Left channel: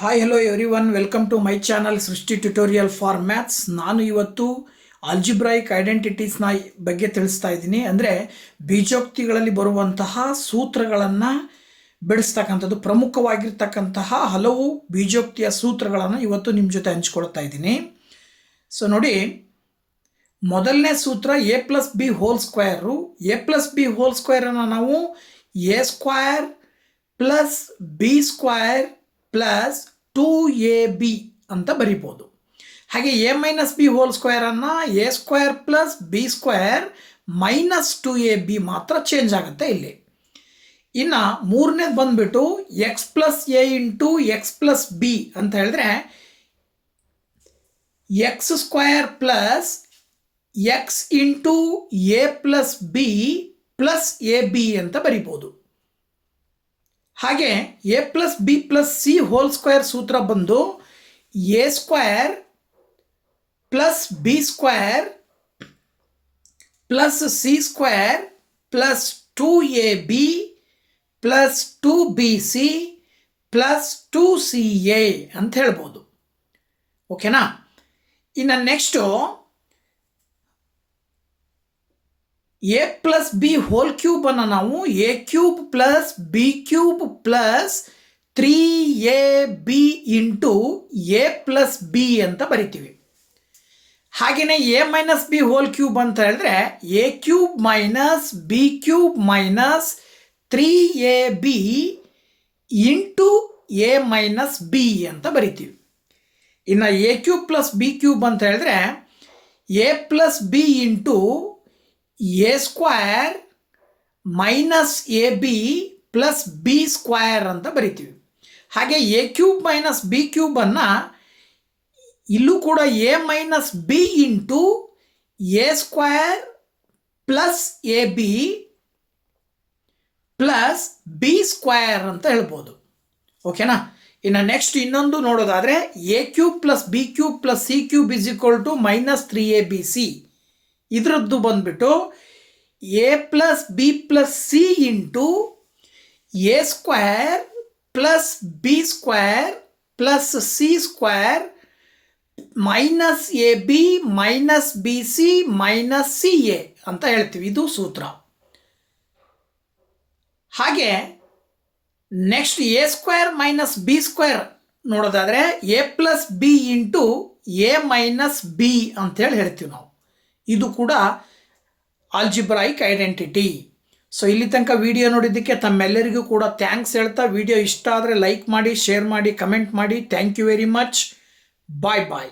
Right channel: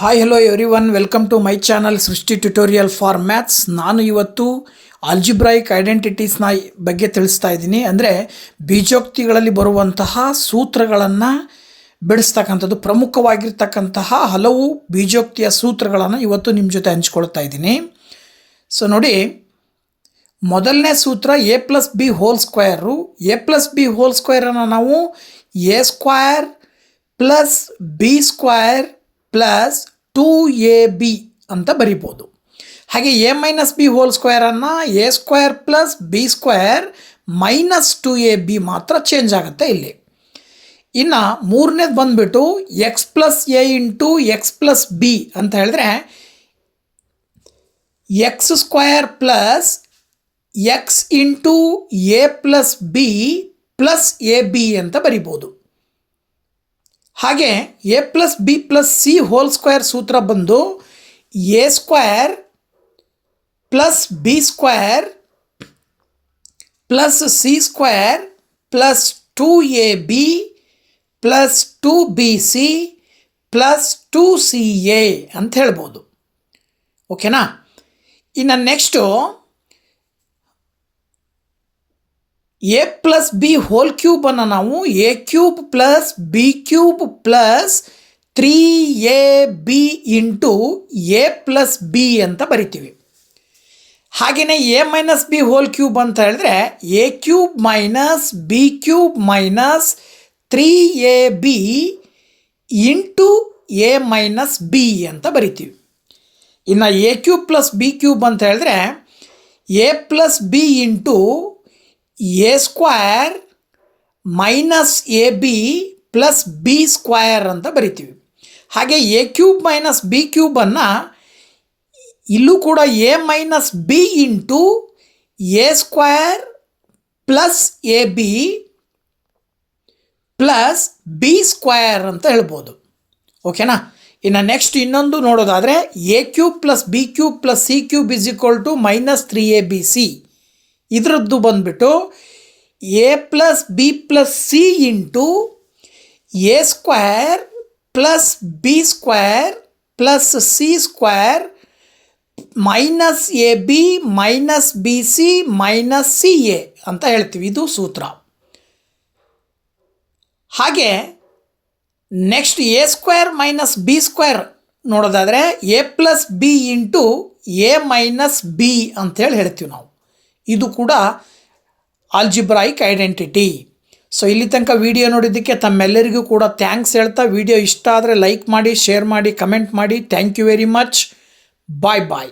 Hi hello everyone, welcome to my channel Srishti tutorial for maths. ನಾನು ಇವತ್ತು algebraic ಐಡೆಂಟಿಟೀಸ್ನ ಬಗ್ಗೆ ತಿಳಿಸ್ತಾ ಇದ್ದೀನಿ. ಅಂದರೆ ಬೀಜೋಕ್ತಿಗಳಲ್ಲಿ ಬರುವಂತಹ ಸೂತ್ರಗಳನ್ನು ಬಿಡಿಸ್ತಕ್ಕಂಥದ್ದು, ಪ್ರಮುಖವಾಗಿರ್ತಕ್ಕಂತಹ ಹಲವು ಬೀಜೋಕ್ತಿಯ ಸೂತ್ರಗಳನ್ನು ಇವತ್ತು ನಿಮ್ಮ ಜೊತೆ ಹಂಚ್ಕೊಳ್ತಾ ಇದ್ದೀನಿ. ಸೊ ನೋಡಿ, ಮೊದಲನೇ ಸೂತ್ರ A plus B whole square. A plus B whole ಸ್ಕ್ವೇರನ್ನು ನಾವು A square plus B square plus 2ab ಅಂತ ಬರಿಬೋದು. ಹಾಗೆ ಎ ಮೈನಸ್ ಬಿ ಹೋಲ್ ಸ್ಕ್ವೇರನ್ನು A square plus B square minus 2ab ಮಾತ್ರ ಚೇಂಜ್ ಆಗುತ್ತೆ ಇಲ್ಲಿ. ಇನ್ನು ಮೂರನೇದು ಬಂದುಬಿಟ್ಟು X plus A into X plus B ಅಂತ ಹೇಳಿದ್ರೆ X square plus X into A plus B plus A B ಅಂತ ಬರಿಬೋದು. ಹಾಗೆ A plus B plus C whole square ಸೂತ್ರ ಬಂದು A square plus B square plus C square plus 2ab plus 2bc plus 2ca ಅಂತ ಹೇಳ್ಬೋದು. ಓಕೆನಾ? ಇನ್ನು next A plus B whole ಕ್ಯೂಬನ್ನು ನಾವು A cube plus B cube plus 3ab into A plus B ಅಂತ ಬರಿತೀವಿ. ಹಾಗೆಯೇ A minus B whole cube ಅಂತ ಹೇಳಿದ್ರೆ A cube minus B cube minus 3ab into A minus B ಅಂತ ಬರಿತೀವಿ. ಇನ್ನು A cube plus B cube ಅಂತ ಹೇಳಿದ್ರೆ a plus B into a square minus A b plus B square ಅಂತ ಬರಿತೀವಿ. ಹಾಗೆ ಎ ಕ್ಯೂಬ್ ಮೈನಸ್ ಬಿ ಕ್ಯೂಬನ್ನು ಇಲ್ಲೂ ಕೂಡ a minus b into a square plus A b plus B square ಅಂತ ಹೇಳ್ಬೋದು. ಓಕೆನಾ? ಇನ್ನು ನೆಕ್ಸ್ಟ್ ಇನ್ನೊಂದು ನೋಡೋದಾದರೆ a cube plus B cube plus c cube is equal to minus 3abc. ಇದರದ್ದು ಬಂದುಬಿಟ್ಟು a plus B plus c into a square plus B square plus C square minus A B minus B C minus C A ಅಂತ ಹೇಳ್ತೀವಿ. ಇದು ಸೂತ್ರ. ಹಾಗೆ next A square minus B square ನೋಡೋದಾದರೆ A plus B into A minus B ಅಂತೇಳಿ ಹೇಳ್ತೀವಿ ನಾವು. ಇದು ಕೂಡ ಆಲ್ಜಿಬ್ರಾಯಿಕ್ ಐಡೆಂಟಿಟಿ. ಸೊ ಇಲ್ಲಿ ತನಕ ವಿಡಿಯೋ ನೋಡಿದ್ದಕ್ಕೆ ತಮ್ಮೆಲ್ಲರಿಗೂ ಕೂಡ ಥ್ಯಾಂಕ್ಸ್ ಹೇಳ್ತಾ, ವಿಡಿಯೋ ಇಷ್ಟ ಆದರೆ ಲೈಕ್ ಮಾಡಿ, ಶೇರ್ ಮಾಡಿ, ಕಮೆಂಟ್ ಮಾಡಿ. Thank you very much. Bye bye.